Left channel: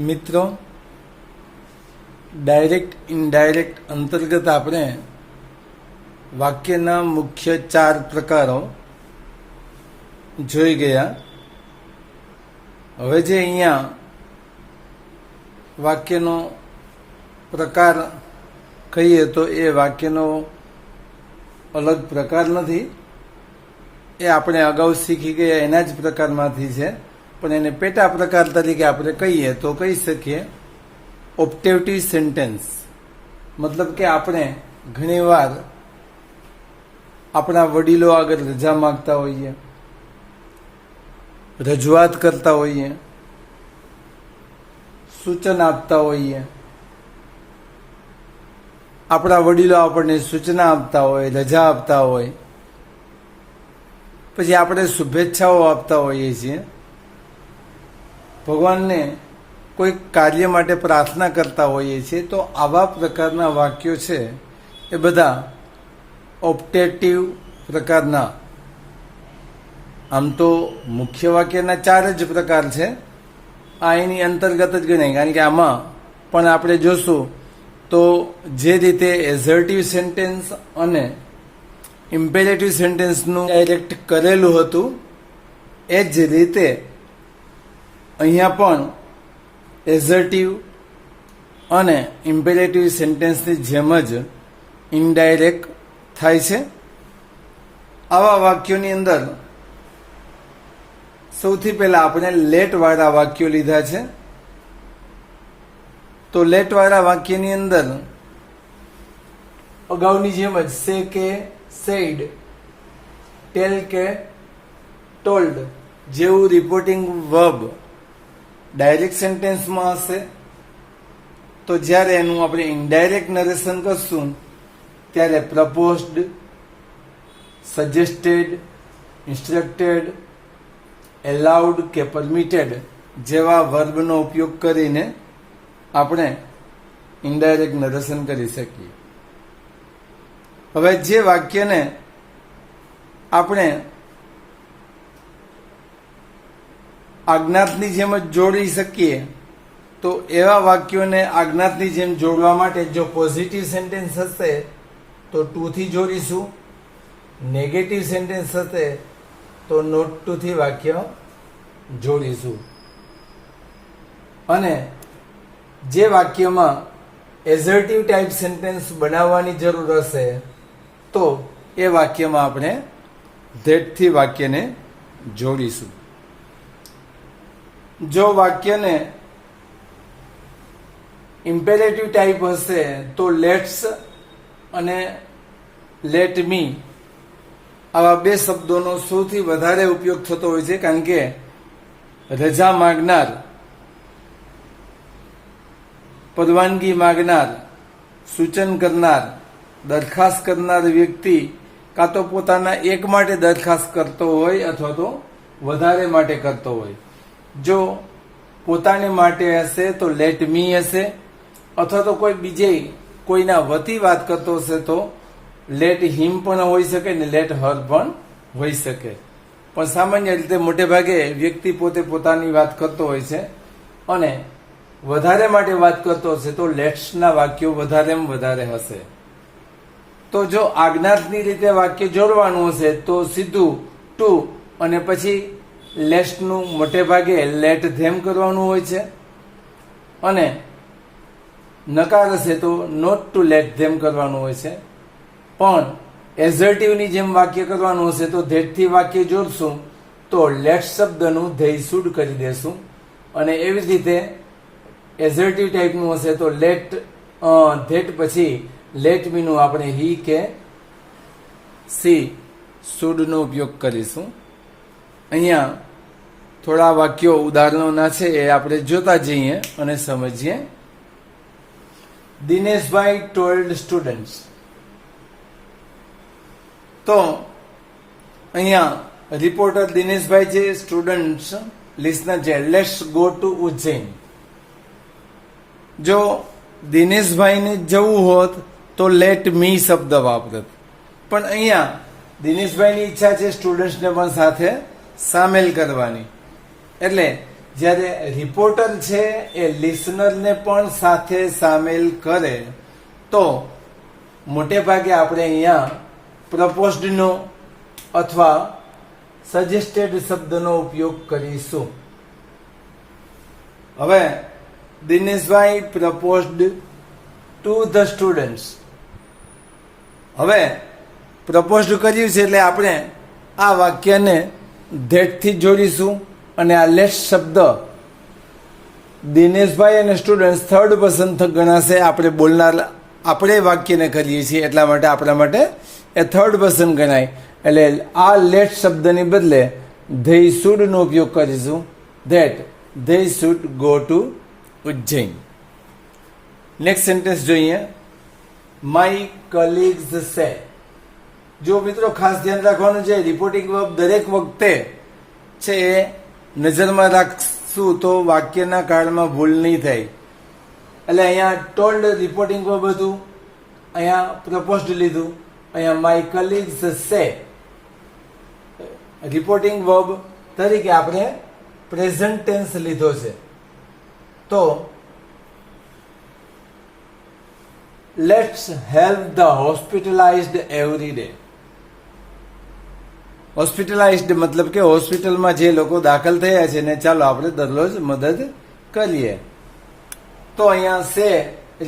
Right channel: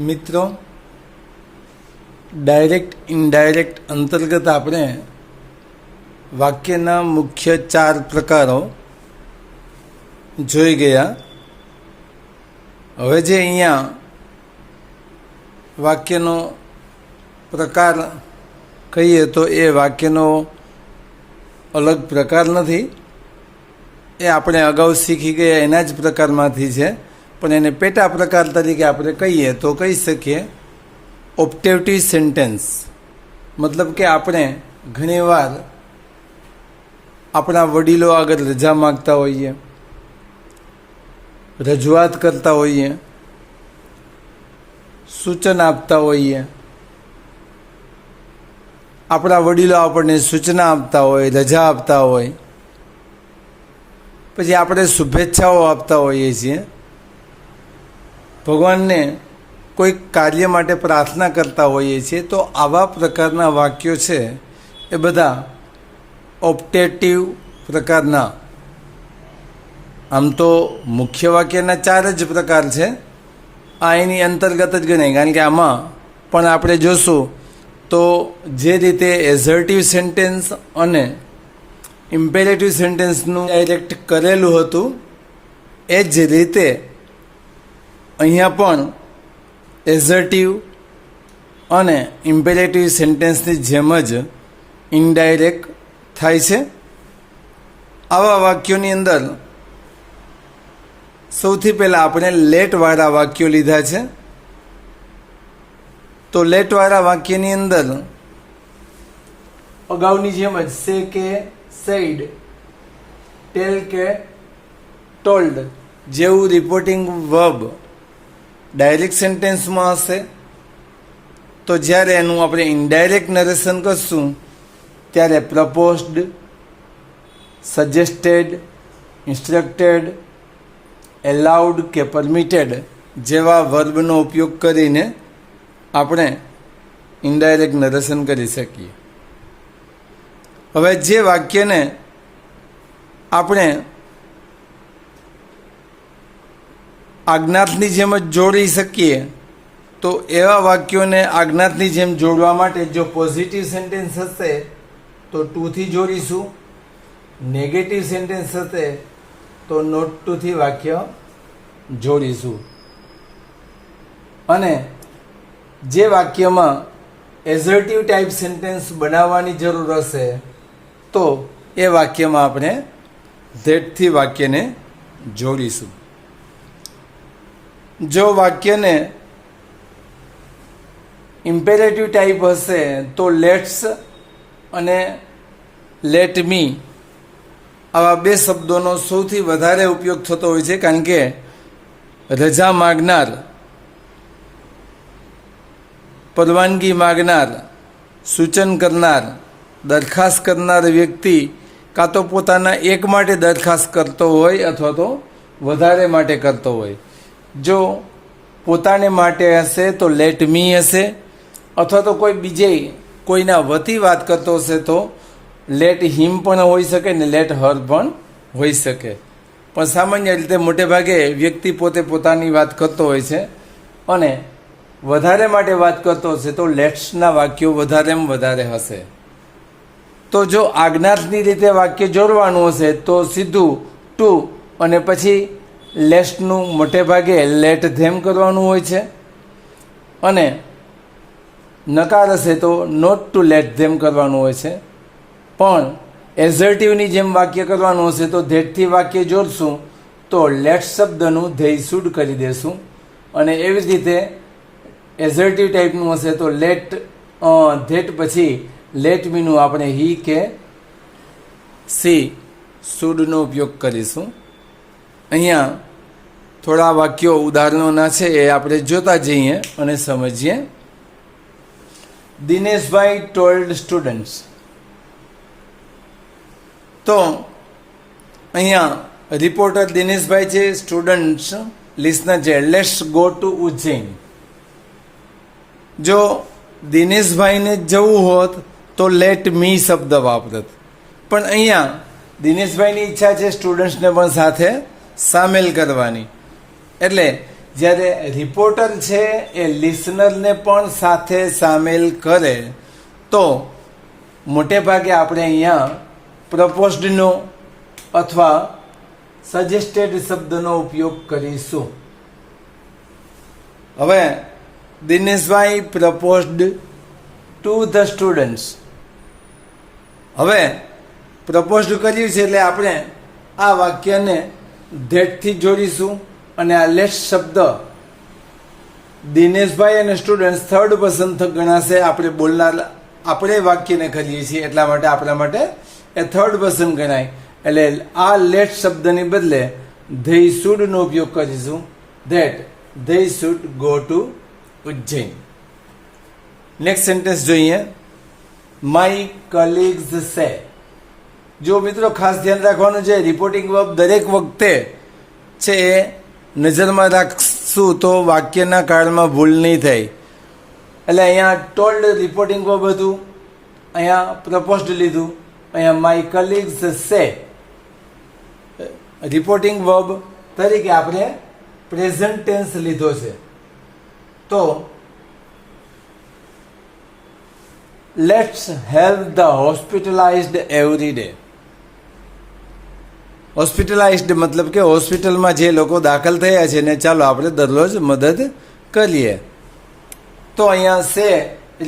મિત્રો, direct indirect અંતર્ગત આપણે વાક્યના મુખ્ય 4 પ્રકારો જોઈ ગયા. હવે જે અહીંયા વાક્યનો પ્રકાર કહીએ તો એ વાક્યનો અલગ પ્રકાર નથી, એ આપણે અગાઉ શીખી ગયા એના જ પ્રકારમાંથી છે. પણ એને પેટા પ્રકાર તરીકે આપણે કહીએ તો કહી શકીએ ઓપ્ટેટિવ સેન્ટેન્સ. મતલબ કે આપણે ઘણીવાર આપણા વડીલો આગળ રજા માગતા હોઈએ, રજૂઆત કરતા હોઈએ, સૂચન આપતા હોઈએ. આપણા વડીલો આપણને સૂચના આપતા હોય, રજા આપતા હોય, પછી આપણે શુભેચ્છાઓ આપતા હોઈએ છીએ, ભગવાનને કોઈ કાર્ય માટે પ્રાર્થના કરતા હોઈએ છીએ. તો આવા પ્રકારના વાક્યો છે એ બધા ઓપ્ટેટિવ પ્રકારના. આમ તો મુખ્ય વાક્યના 4 જ પ્રકાર છે, આ એની અંતર્ગત જ ગણાય. કારણ કે આમાં પણ આપણે જોશું તો જે રીતે એઝર્ટિવ સેન્ટેન્સ અને ઇમ્પેરેટિવ સેન્ટેન્સનું ડાયરેક્ટ કરેલું હતું એ જ રીતે અહીંયા પણ એઝર્ટિવ અને ઇમ્પેરેટિવ સેન્ટેન્સની જેમ જ ઇનડાયરેક્ટ થાય છે. આવા વાક્યોની અંદર સૌથી પહેલાં આપણે લેટવાળા વાક્યો લીધા છે. તો લેટવાળા વાક્યની અંદર અગાઉની જેમ જ સે કે સેડ, ટેલ કે ટોલ્ડ જેવું રિપોર્ટિંગ વર્બ ડાયરેક્ટ સેન્ટેન્સમાં હશે. તો જ્યારે એનું આપણે ઇનડાયરેક્ટ નરેશન કરશું ત્યારે પ્રપોઝડ, સજેસ્ટેડ, ઇન્સ્ટ્રક્ટેડ, એલાઉડ કે પરમિટેડ જેવા વર્બનો ઉપયોગ કરીને આપણે ઇનડાયરેક્ટ નરેશન કરી શકીએ. હવે જે વાક્યને આપણે આજ્ઞાતની જેમ જ જોડી શકીએ તો એવા વાક્યોને આજ્ઞાતની જેમ જોડવા માટે જો પોઝિટિવ સેન્ટેન્સ હશે તો ટુ થી જોડીશું, નેગેટિવ સેન્ટેન્સ હશે તો નોટ ટુ થી વાક્ય જોડીશું. અને જે વાક્યમાં એઝર્ટિવ ટાઈપ સેન્ટેન્સ બનાવવાની જરૂર હશે તો એ વાક્યમાં આપણે ધેટથી વાક્યને જોડીશું. જો વાક્યને ઇમ્પેરેટિવ ટાઈપ હશે તો લેટ્સ અને લેટ મી આવા 2 શબ્દોનો સૌથી વધારે ઉપયોગ થતો હોય છે. કારણ કે રજા માગનાર, પરવાનગી માગનાર, સૂચન કરનાર, દરખાસ્ત કરનાર વ્યક્તિ કાં તો પોતાના એક માટે દરખાસ્ત કરતો હોય અથવા તો વધારે માટે કરતો હોય. જો પોતાને માટે હશે તો લેટ મી હશે, અથવા તો કોઈ બીજે કોઈના વતી વાત કરતો હશે તો લેટ હિમ પણ હોઈ શકે ને લેટ હર પણ હોઈ શકે. પણ સામાન્ય રીતે મોટે ભાગે વ્યક્તિ પોતે પોતાની વાત કરતો હોય છે અને વધારે માટે વાત કરતો હશે તો લેટ્સના વાક્યો વધારેમાં વધારે હશે. તો જો આજ્ઞાતની રીતે વાક્ય જોડવાનું હશે તો સીધું ટુ અને પછી લેટ્સનું મોટે ભાગે લેટ ધેમ કરવાનું હોય છે, અને નકાર હશે તો નોટ ટુ લેટ ધેમ કરવાનું હોય છે. પણ એઝર્ટિવની જેમ વાક્ય કરવાનું હશે તો ધેટથી વાક્ય જોડશું તો લેટ શબ્દનું ધેય શુડ કરી દેશું. અને એવી જ રીતે એઝર્ટિવ ટાઈપનું હશે તો લેટ ધેટ પછી લેટ મીનું આપણે હી કે સી શુડનો ઉપયોગ કરીશું. અહીંયા થોડા વાક્યો ઉદાહરણોના છે એ આપણે જોતા જઈએ અને સમજીએ. Dineshbhai told students. તો અહીંયા રિપોર્ટર દિનેશભાઈ છે, સ્ટુડન્ટ્સ લિસનર છે. Let's go to Ujjain. જો દિનેશભાઈને જવું હોત તો લેટ મી શબ્દ વાપરત, પણ અહીંયા દિનેશભાઈની ઈચ્છા છે સ્ટુડન્ટ્સને પણ સાથે સામેલ કરવાની. એટલે જ્યારે રિપોર્ટર છે એ લિસનરને પણ સાથે સામેલ કરે તો મોટે ભાગે આપણે અહીંયા પ્રપોઝડનો અથવા સજેસ્ટેડ શબ્દનો ઉપયોગ કરીશું. હવે Dineshbhai proposed to the students. હવે પ્રપોઝડ કર્યું છે એટલે આપણે આ વાક્યને ધેટથી જોડીશું અને આ લેટ શબ્દ દિનેશભાઈ અને સ્ટુડન્ટ થર્ડ પર્સન ગણાશે. આપણે બોલનાર આપણે વાક્યને કરીએ છીએ એટલા માટે આપણા માટે એ થર્ડ પર્સન ગણાય. એટલે આ લેટ શબ્દની બદલે ધે શુડ નો ઉપયોગ કરીશું. That they should go to Ujjain. Next sentence જોઈએ. માય કલીગ્સ સે. જો મિત્રો ખાસ ધ્યાન રાખવાનું છે, રિપોર્ટિંગ વર્બ દરેક વખતે છે એ નજરમાં રાખશું તો વાક્યના કાળમાં ભૂલ નહીં થાય. એટલે અહીંયા ટોલ્ડ રિપોર્ટિંગ વર્બ હતું, અહીંયા પ્રપોઝડ લીધું, અહીંયા my colleagues say reporting verb તરીકે આપણે પ્રેઝન્ટ ટેન્સ લીધો છે. તો let's help the hospitalized every day. Hospitalized મતલબ કે હોસ્પિટલમાં જે લોકો દાખલ થયા છે ને ચાલો આપણે દરરોજ મદદ કરીએ. તો અહીંયા સે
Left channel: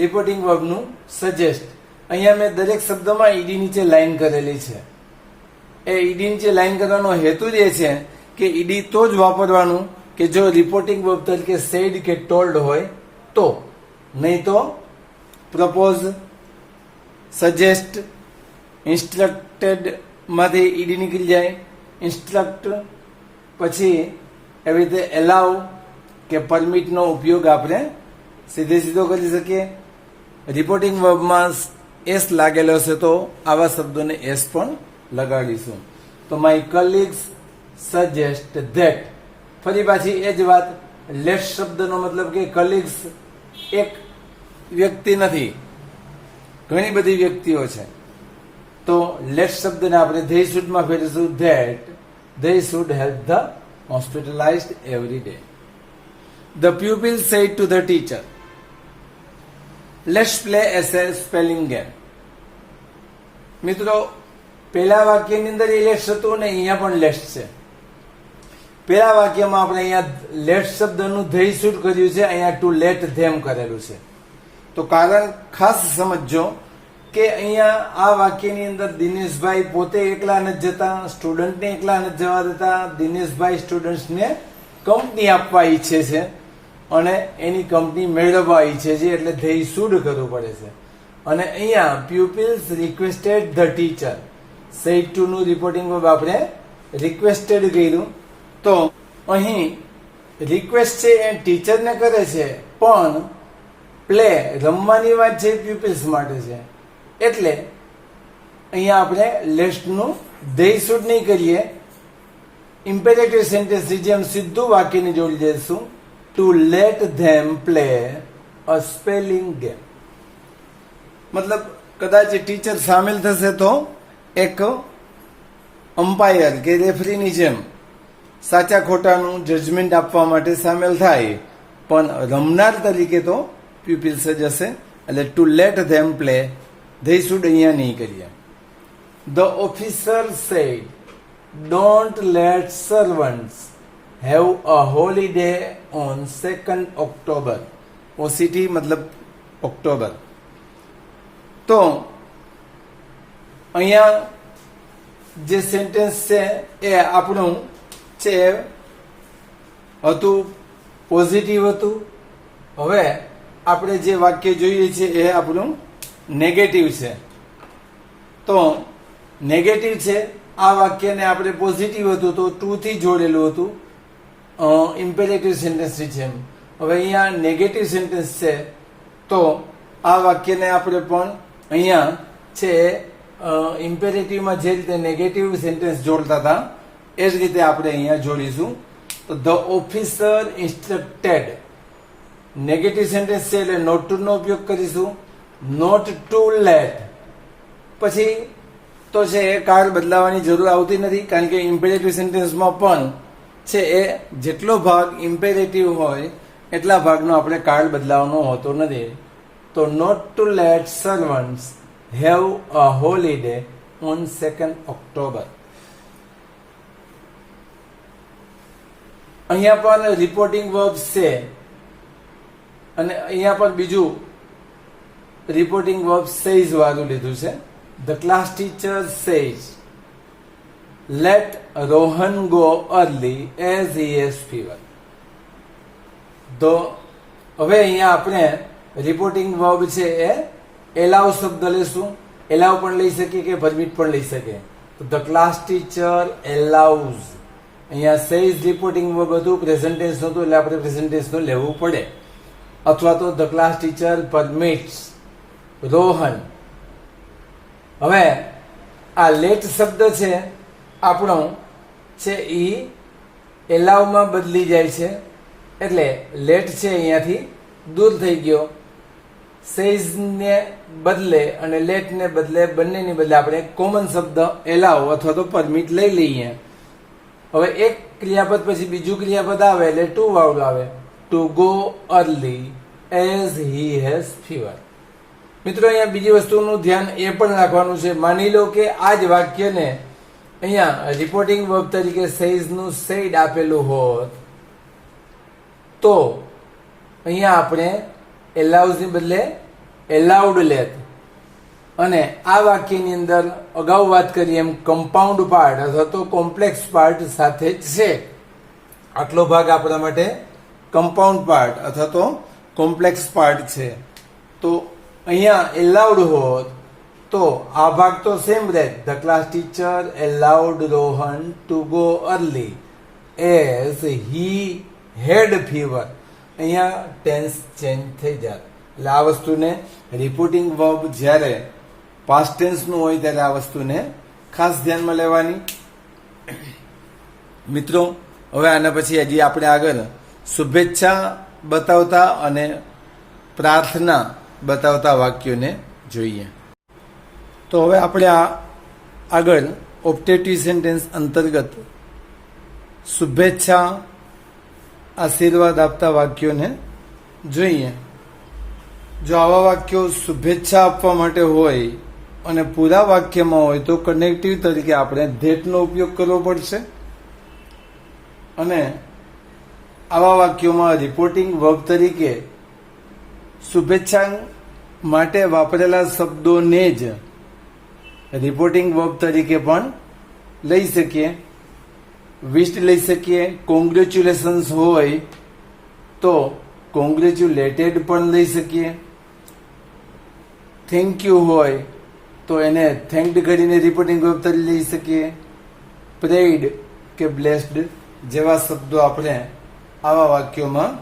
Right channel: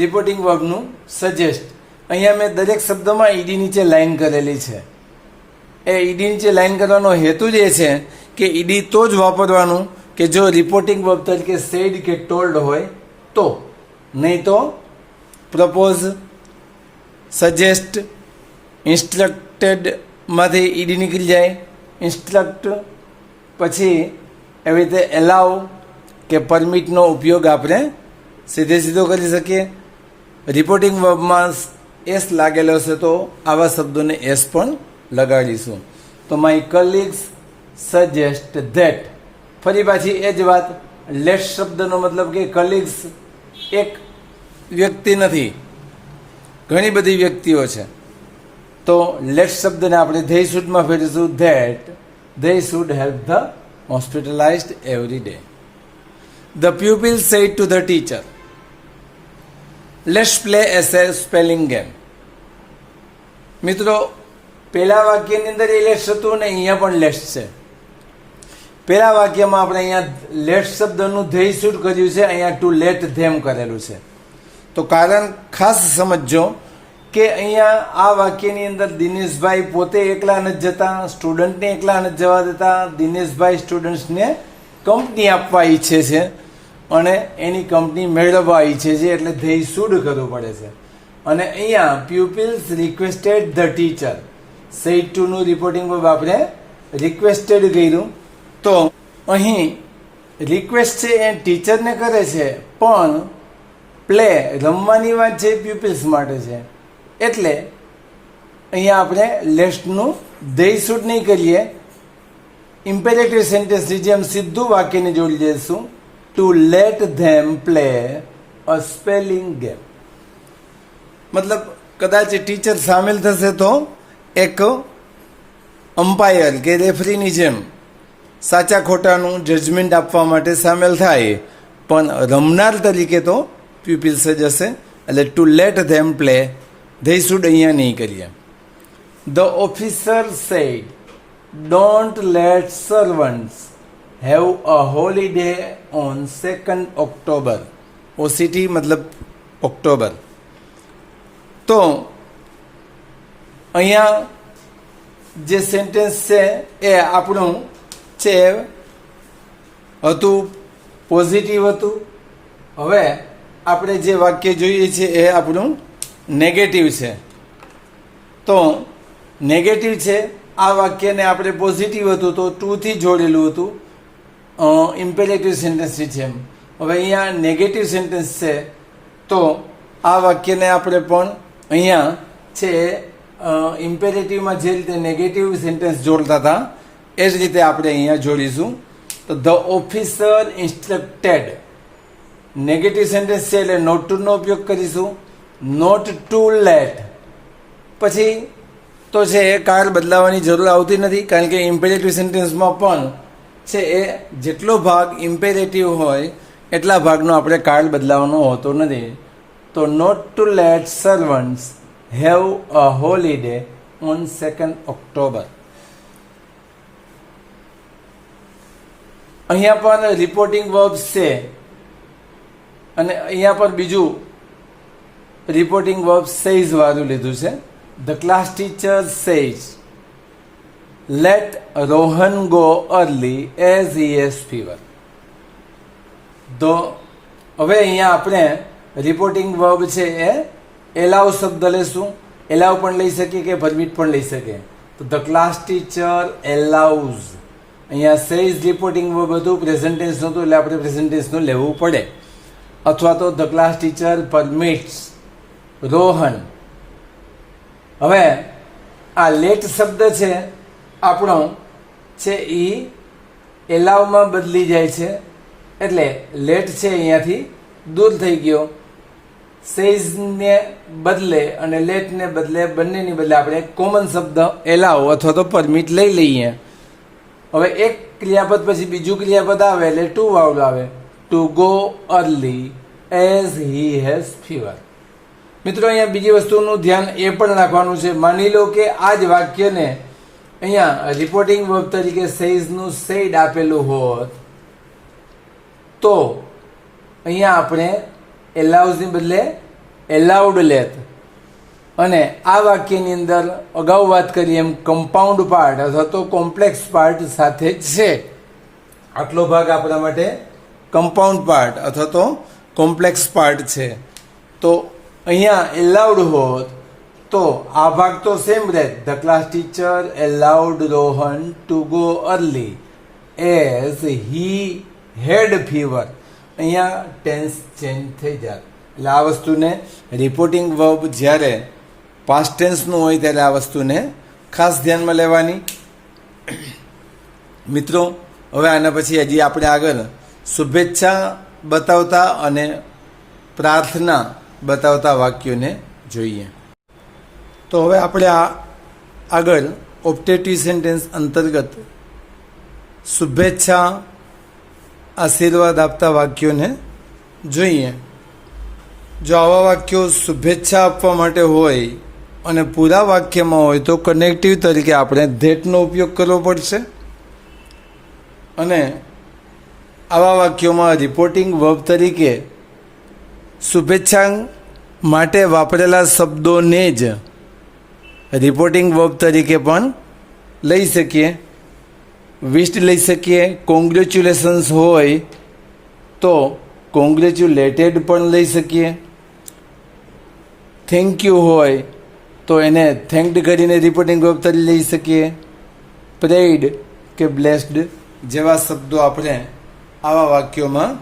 રિપોર્ટિંગ વર્બનું સજેસ્ટ. અહીંયા મેં દરેક શબ્દમાં ઈડી નીચે લાઈન કરેલી છે. એ ઈડી નીચે લાઈન કરવાનો હેતુ જ એ છે કે ઈડી તો જ વાપરવાનું કે જો રિપોર્ટિંગ વર્બ તરીકે સેડ કે ટોલ્ડ હોય તો, નહીં તો પ્રપોઝ, સજેસ્ટ, ઇન્સ્ટ્રક્ટેડ માંથી ઈડી નીકળી જાય. ઇન્સ્ટ્રક્ટ પછી એવી રીતે એલાવ કે પરમિટનો ઉપયોગ આપણે સીધે સીધો કરી શકીએ. રિપોર્ટિંગ વર્બમાં એસ લાગેલો છે તો આવા શબ્દોને એસ પણ લગાડીશું. તો માય કલીગ્સ સજેસ્ટ ધેટ. ફરી પાછી એ જ વાત. લેટ શબ્દનો મતલબ કે કલીગ્સ એક વ્યક્તિ નથી, ઘણી બધી વ્યક્તિઓ છે. તો લેટ શબ્દને આપણે ધે શુડમાં ફેરવીશું. That they should help the hospitalized every day. The pupil said to the teacher let's play as a spelling game. મિત્રો પહેલા વાક્યની અંદર એ લેટ્સ હતું ને અહીંયા પણ લેટ્સ છે. પહેલા વાક્યમાં આપણે અહીંયા લેટ શબ્દનું ધે શુડ કર્યું છે, અહીંયા ટુ લેટ ધેમ કરેલું છે. તો કારણ ખાસ સમજજો કે અહીંયા આ વાક્યની અંદર દિનેશભાઈ પોતે એકલા નથી જતા, સ્ટુડન્ટને એકલા નથી જવા દેતા. દિનેશભાઈ સ્ટુડન્ટ્સને કંપની આપવા ઈચ્છે છે અને એની કંપની મેળવવા ઈચ્છે છે, એટલે ધે શુડ કરવું પડે છે. અને અહીંયા pupils requested the teacher said to નું રિપોર્ટિંગ વર્બ આપણે રિક્વેસ્ટેડ કર્યું. તો અહીં રિક્વેસ્ટ છે એ ટીચરને કરે છે, પણ પ્લે રમવાની વાત છે પ્યુપિલ્સ માટે છે. એટલે અહીંયા આપણે લેટ્સનું ધે શુડ નહીં કરીએ, ઇમ્પેરેટિવ સેન્ટેન્સની જેમ સીધું વાક્યને જોડી દઈશું. To let them play a spelling game. મતલબ કદાચ ટીચર સામેલ થશે તો એક અમ્પાયર કે રેફરીની જેમ સાચા ખોટાનું જજમેન્ટ આપવા માટે સામેલ થાય, પણ રમનાર તરીકે તો પ્યુપિલ્સ જ હશે. એટલે to let them play they should અહીંયા નહીં કરીએ. The officer said don't let servants have a holiday on 2 October. OCT મતલબ ઓક્ટોબર. તો અહીંયા જે સેન્ટેન્સ છે એ આપણું છે હતું પોઝિટિવ હતું. હવે આપણે જે વાક્ય જોઈએ છે એ આપણું નેગેટિવ છે. તો નેગેટિવ છે આ વાક્યને આપણે પોઝિટિવ હતું તો ટુ થી જોડેલું હતું ઇમ્પેરેટિવ સેન્ટેન્સની જેમ. હવે અહીંયા નેગેટિવ સેન્ટેન્સ છે તો આ વાક્યને આપણે પણ અહીંયા છે ઇમ્પેરેટિવમાં જે રીતે નેગેટિવ સેન્ટેન્સ જોડતા હતા એ જ રીતે આપણે અહીંયા જોડીશું. તો ધ ઓફિસર ઇન્સ્ટ્રક્ટેડ નેગેટિવ સેન્ટેન્સ છે એટલે નોટ ટુ નો ઉપયોગ કરીશું. નોટ ટુ લેટ પછી તો છે એ કાળ બદલાવાની જરૂર આવતી નથી, કારણ કે ઇમ્પેરેટિવ સેન્ટેન્સમાં પણ છે એ જેટલો ભાગ ઇમ્પેરેટિવ હોય એટલા ભાગનો આપણે કાળ બદલાવાનો હોતો નથી. તો not to let servants have a holiday on 2 October. અહીંયા પણ રિપોર્ટિંગ વર્બ્સ છે અને અહીંયા પણ બીજું રિપોર્ટિંગ વર્બ સેઝ વાળું લીધું છે. The class teacher says let Rohan go early as he has fever. તો હવે અહીંયા આપણે રિપોર્ટિંગ વર્બ છે એ એલાવ શબ્દ લેશું. એલાવ પણ લઈ શકીએ કે પરમિટ પણ લઈ શકીએ. તો ધ ક્લાસ ટીચર એલાઉઝ. અહીંયા સેઝ રિપોર્ટિંગ વર્બ હતું, પ્રેઝન્ટ ટેન્સ નહોતું એટલે આપણે પ્રેઝન્ટ ટેન્સનું લેવું પડે. અથવા તો the class teacher permits Rohan. હવે આ લેટ શબ્દ છે આપણો છે એ એલાવમાં બદલી જાય છે એટલે લેટ છે અહીંયાથી દૂર થઈ ગયો. સેઝને બદલે અને લેટને બદલે બંનેની બદલે આપણે કોમન શબ્દ એલાવ અથવા તો પરમિટ લઈ લઈએ. હવે એક ક્રિયાપદ પછી બીજું ક્રિયાપદ આવે એટલે ટુ વાઉલ આવે. Two go early as he has fever. મિત્રો અહીંયા બીજી વસ્તુનું ધ્યાન એ પણ રાખવાનું છે. માની લો કે આ જ વાક્યને અહીંયા રિપોર્ટિંગ વર્બ તરીકે સેઝનું સેડ આપેલું હોત તો અહીંયા આપણે એલાઉઝની બદલે એલાઉડ લેત. અને આ વાક્યની અંદર અગાઉ વાત કરી એમ કમ્પાઉન્ડ પાર્ટ અથવા તો કોમ્પ્લેક્સ પાર્ટ સાથે જ છે. આટલો ભાગ આપણા માટે કમ્પાઉન્ડ પાર્ટ અથવા તો કોમ્પ્લેક્સ પાર્ટ છે. તો અહીંયા એલાઉડ હોત તો આ ભાગ તો સેમ રહે. The class teacher allowed Rohan to go early as he had fever. અહીંયા ટેન્સ ચેન્જ થઈ જાય એટલે આ વસ્તુને રિપોર્ટિંગ વર્બ જ્યારે પાસ્ટ ટેન્સનું હોય ત્યારે આ વસ્તુને ખાસ ધ્યાનમાં લેવાની. મિત્રો હવે આના પછી હજી આપણે આગળ શુભેચ્છા બતાવતા અને પ્રાર્થના બતાવતા વાક્યોને જોઈએ. તો હવે આપણે આ આગળ ઓપ્ટેટિવ સેન્ટેન્સ અંતર્ગત શુભેચ્છા આશીર્વાદ આપતા વાક્યોને જોઈએ. જો આવા વાક્યો શુભેચ્છા આપવા માટે હોય અને પૂરા વાક્યમાં હોય તો કનેક્ટિવ તરીકે આપણે ધેટનો ઉપયોગ કરવો પડશે. અને આવા વાક્યોમાં રિપોર્ટિંગ વર્બ તરીકે શુભેચ્છા માટે વાપરેલા શબ્દોને જ રિપોર્ટિંગ વર્બ તરીકે પણ લઈ શકીએ. વિશ્ડ લઈ શકીએ. કોંગ્રેચ્યુલેશન્સ હોય તો કોંગ્રેચ્યુલેટેડ પણ લઈ શકીએ. થેન્ક યુ હોય તો એને થેન્ક્ડ કરીને રિપોર્ટિંગ વર્બ તરીકે લઈ શકીએ. પ્રેઇડ કે બ્લેસ્ડ જેવા શબ્દો આપણે આવા વાક્યોમાં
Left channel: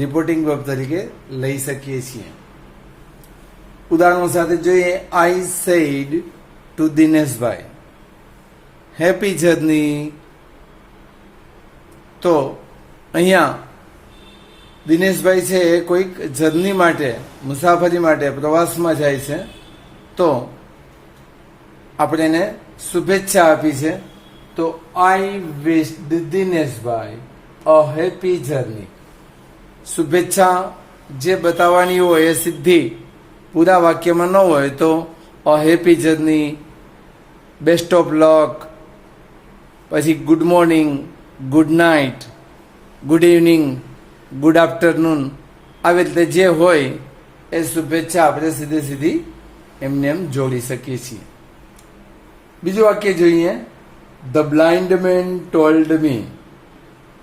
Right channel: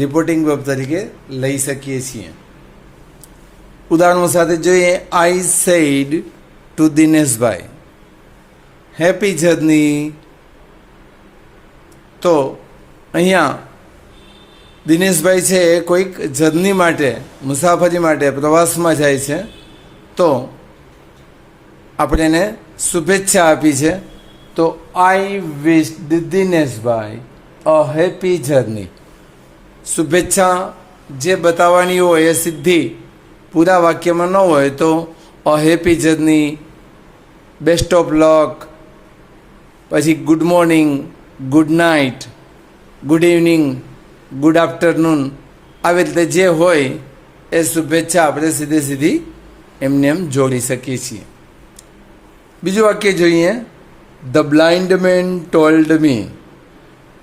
રિપોર્ટિંગ વર્બ તરીકે લઈ શકીએ છીએ. ઉદાહરણો સાથે જોઈએ. I said to Dineshbhai happy journey. તો અહીંયા દિનેશભાઈ છે એ કોઈક જર્ની માટે મુસાફરી માટે પ્રવાસમાં જાય છે તો આપણે એને શુભેચ્છા આપી છે. તો આઈ વિશ દિનેશભાઈ અ હેપી જર્ની. શુભેચ્છા જે બતાવવાની હોય એ સીધી પૂરા વાક્યમાં ન હોય તો a happy journey, best of luck, પછી good morning, good night, good evening, good afternoon, આવી રીતે જે હોય એ શુભેચ્છા આપણે સીધી એમને એમ જોડી શકીએ છીએ. બીજું વાક્ય જોઈએ. The blind man told me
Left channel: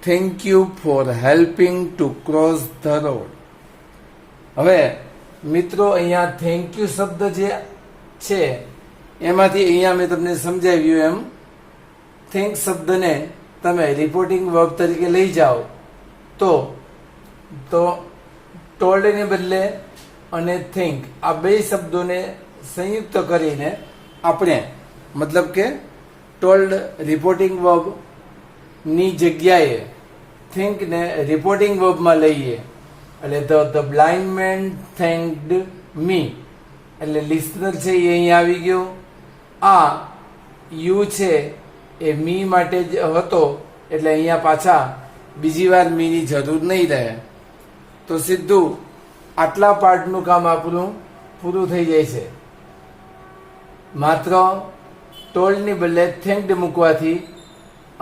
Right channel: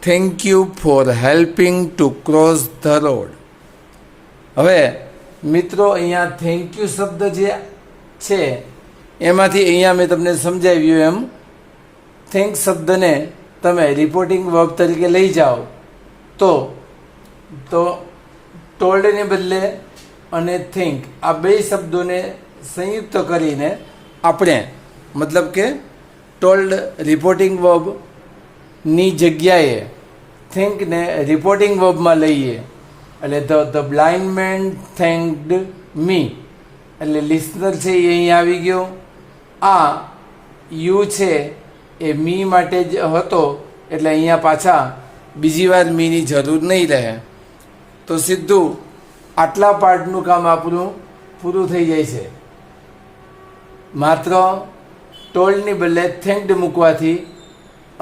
thank you for helping to cross the road. હવે મિત્રો અહીંયા થેન્ક યુ શબ્દ જે છે એમાંથી અહીંયા મેં તમને સમજાવ્યું એમ થેન્ક શબ્દને તમે રિપોર્ટિંગ વર્બ તરીકે લઈ જાઓ તો ટોલ્ડને બદલે અને થિંક આ બે શબ્દોને સંયુક્ત કરીને આપણે મતલબ કે ટોલ્ડ રિપોર્ટિંગ વર્બની જગ્યાએ થિંકને રિપોર્ટિંગ વર્બમાં લઈએ એટલે ધ બ્લાઇન્ડ મેન થેન્કડ મી એટલે લિસનર છે એ અહીં આવી ગયો. આ યુ છે એ મી માટે જ હતો એટલે અહીંયા પાછા બીજી વાર મીની જરૂર નહીં રહે. તો સીધું આટલા પાર્ટનું કામ આપણું પૂરું થઈ જાય છે. માત્ર ટોલ્ડની બદલે થેન્ક્ડ મૂકવાથી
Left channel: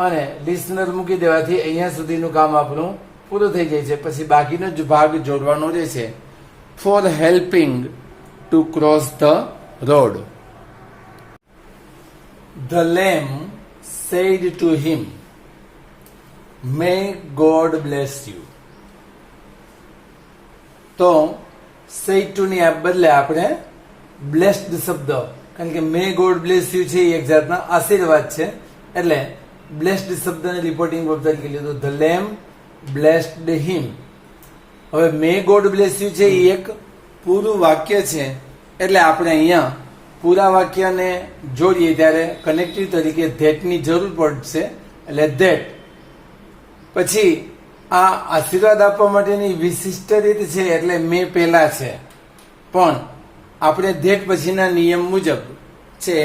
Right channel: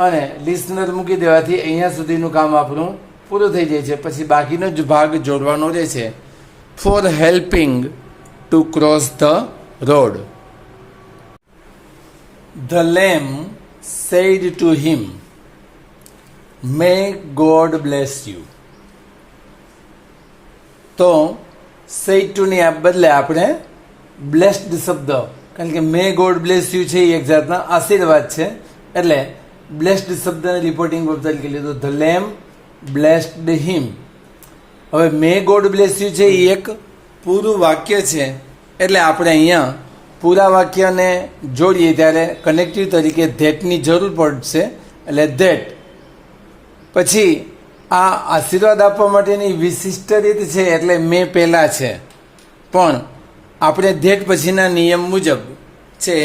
અને લિસનર મૂકી દેવાથી અહીંયા સુધીનું કામ આપણું પૂરું થઈ જાય છે. પછી બાકીનો જ ભાગ જોડવાનો રહે છે. For helping to cross the road. The lamb said to him, May God bless you. તો said to ની બદલે આપણે blessed શબ્દ, કારણ કે may God bless you છે એ એક જાતના આશીર્વાદ છે, એટલે blessed શબ્દને રિપોર્ટિંગ વર્બ તરીકે લીધું. The lamb blessed him. હવે may God bless you છે એ એક પૂરું વાક્ય છે, એટલે આપણે અહીંયા પૂરા વાક્યને જોડીએ ત્યારે કનેક્ટિવ તરીકે ધેટની જરૂર પડશે, એટલે ધેટ. પછી આ આશીર્વાદ આપવા માટેની વિશિષ્ટ રીત છે, એટલે મેં પહેલા છે, પણ આપણે ધેટ પછીના નિયમ મુજબ છે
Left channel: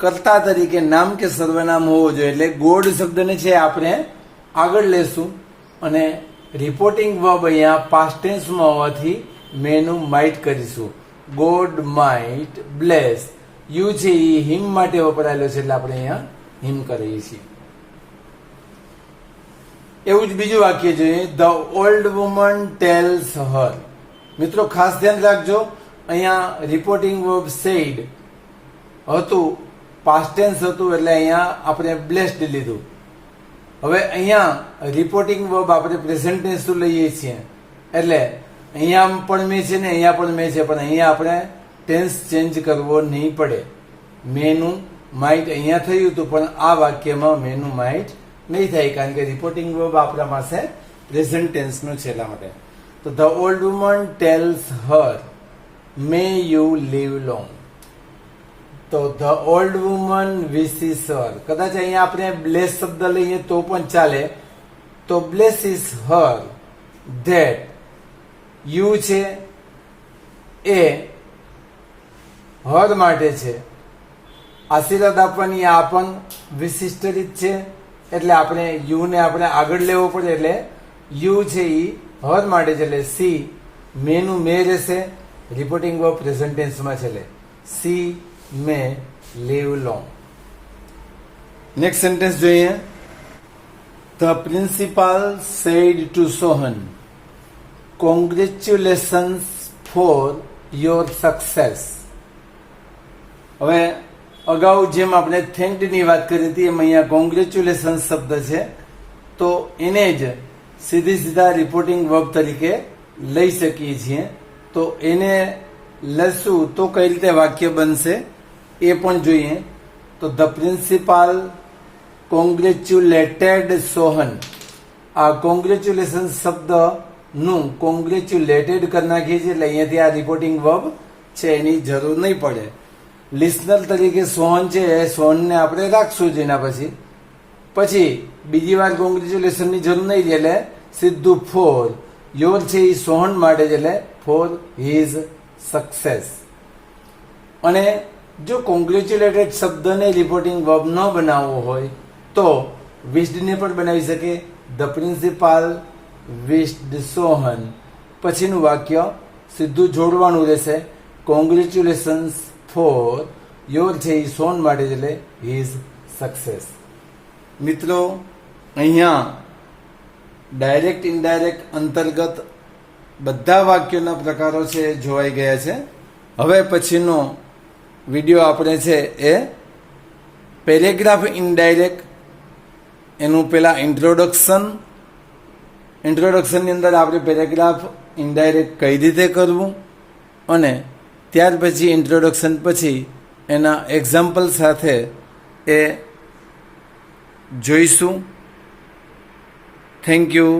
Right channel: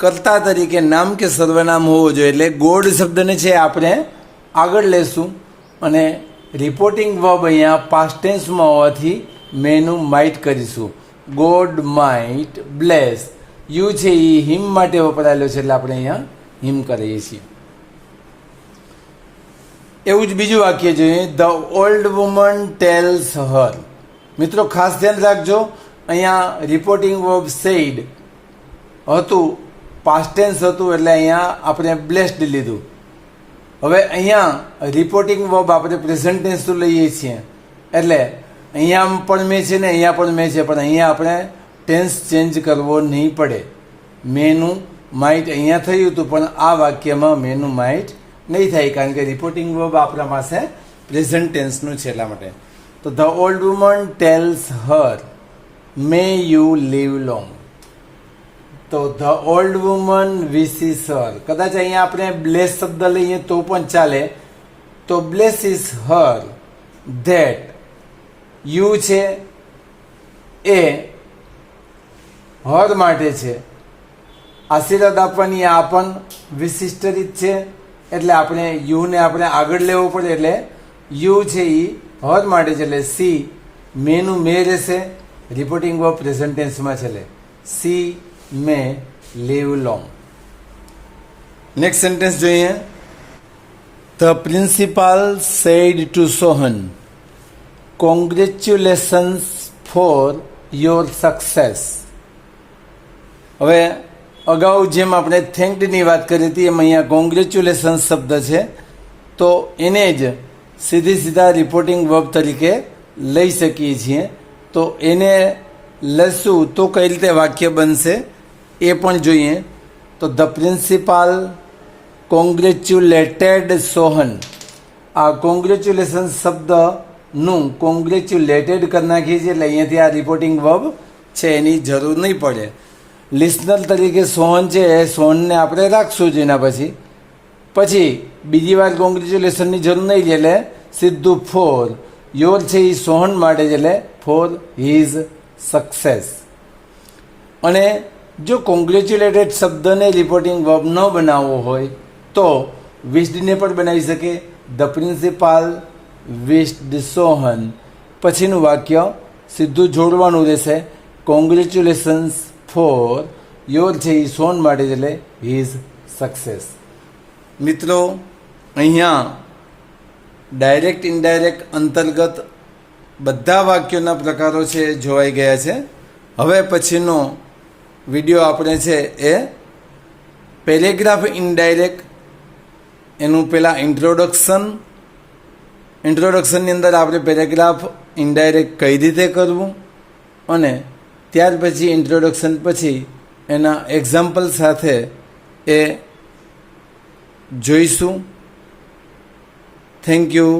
કર્તા તરીકે નામ કે સર્વનામ હોવો જોઈએ, એટલે ગોડ શબ્દને છે આપણે આગળ લેશું અને રિપોર્ટિંગ વર્બ અહીંયા પાસ્ટ ટેન્સમાં હોવાથી મેનું માઇટ કરીશું. God might bless. યુ છે એ હિમ માટે વપરાયેલો છે, એટલે આપણે અહીંયા હિમ કરીએ છીએ. એવું જ બીજું વાક્ય જોઈએ. ધ ઓલ્ડ વુમન ટેલ્સ હર. મિત્રો ખાસ ધ્યાન રાખજો, અહીંયા રિપોર્ટિંગ વર્બ સેડ હતું, પાસ્ટ ટેન્સ હતું, એટલે અહીંયા આપણે બ્લેસ્ડ લીધું. હવે અહીંયા રિપોર્ટિંગ વર્બ આપણે પ્રેઝન્ટ ટેન્સ લઈએ છીએ, એટલે અહીંયા પણ મેં છે ને અહીંયા પણ મેં છે, પણ અહીંયા આપણે ટેન્સ ચેન્જ કરવો નહીં પડે. મેનું માઇટ અહીંયા થયું હતું, પણ આ વાક્યમાં મેનું માઇટ નહીં થાય, કારણ કે રિપોર્ટિંગ વર્બ આપણા પાસે પ્રેઝન્ટ ટેન્સનું છે, એટલા માટે. તો the old woman tells her may you live long. તો the old woman wishes her. કદાચ અહીંયા આપણે બ્લેસ શબ્દ લઈએ તો પણ ચાલે. તો બ્લેસીસ હર ધેટ યુ છે એ હર માટે છે. આશીર્વાદ આપવાની આ પણ વિશિષ્ટ રીત છે, એટલે આપણે યુને આપણે આગળ લેવો પડે, એટલે યુ છે એ હર માટે છે, એટલે સી મેનું મે રહેશે. રિપોર્ટિંગ વર્બ પ્રેઝન્ટ ટેન્સમાં છે, એટલે she may leave long. Next sentence જોઈએ. The principal said to Sohan, congratulations for your success. હવે અગાઉ જેમ આપણે થેન્કડની વાત કરી હતી, એમ અહીંયા કોંગ્રેચ્યુલેશન્સ શબ્દ છે, તો એને જ સીધા રિપોર્ટિંગ વર્બ તરીકે લઈ શકીએ છીએ. તો એને લઈશું તો કઈ રીતે વાક્ય બનશે એ પણ જોઈએ. તો ધ પ્રિન્સિપાલ કોંગ્રેચ્યુલેટેડ સોહન. આ કોંગ્રેચ્યુલેશન શબ્દનું કોંગ્રેચ્યુલેટેડ કરી નાખીએ છીએ, એટલે અહીંયાથી આ રિપોર્ટિંગ વર્બ છે એની જરૂર નહીં પડે. લિસનર તરીકે સોહન છે એ સોહનને આપણે રાખશું જ. એના પછી બીજી વાર કોંગ્રેચ્યુલેશનની જરૂર નહીં રહે, એટલે સીધું ફોર યોર છે એ સોહન માટે છે, એટલે ફોર હિઝ સક્સેસ. અને જો કોંગ્રેચ્યુલેટેડ શબ્દને રિપોર્ટિંગ વર્બ ન બનાવવો હોય તો વિશ્ડને પણ બનાવી શકે. ધ પ્રિન્સિપાલ વિશ્ડ સોહન, પછીનું વાક્ય સીધું જોડવાનું રહેશે. કોંગ્રેચ્યુલેશન્સ ફોર યોર છે એ સોહન માટે છે, એટલે હિઝ સક્સેસ. મિત્રો અહીંયા ડાયરેક્ટ ઇનડાયરેક્ટ અંતર્ગત બધા વાક્યોના પ્રકારો છે એ જોવાઈ ગયા છે. હવે પછીનો વિડીયો આપણે છે એ પેરેગ્રાફ ઇનડાયરેક્ટ, એનું પહેલાં ઇન્ટ્રોડક્શનની અંદર આપણે પેરેગ્રાફ ઇનડાયરેક્ટ કઈ રીતે કરવું, અને ત્યાર પછી ઇન્ટ્રોડક્શન પછી એના એક્ઝામ્પલ સાથે એ જોઈશું. Thank you.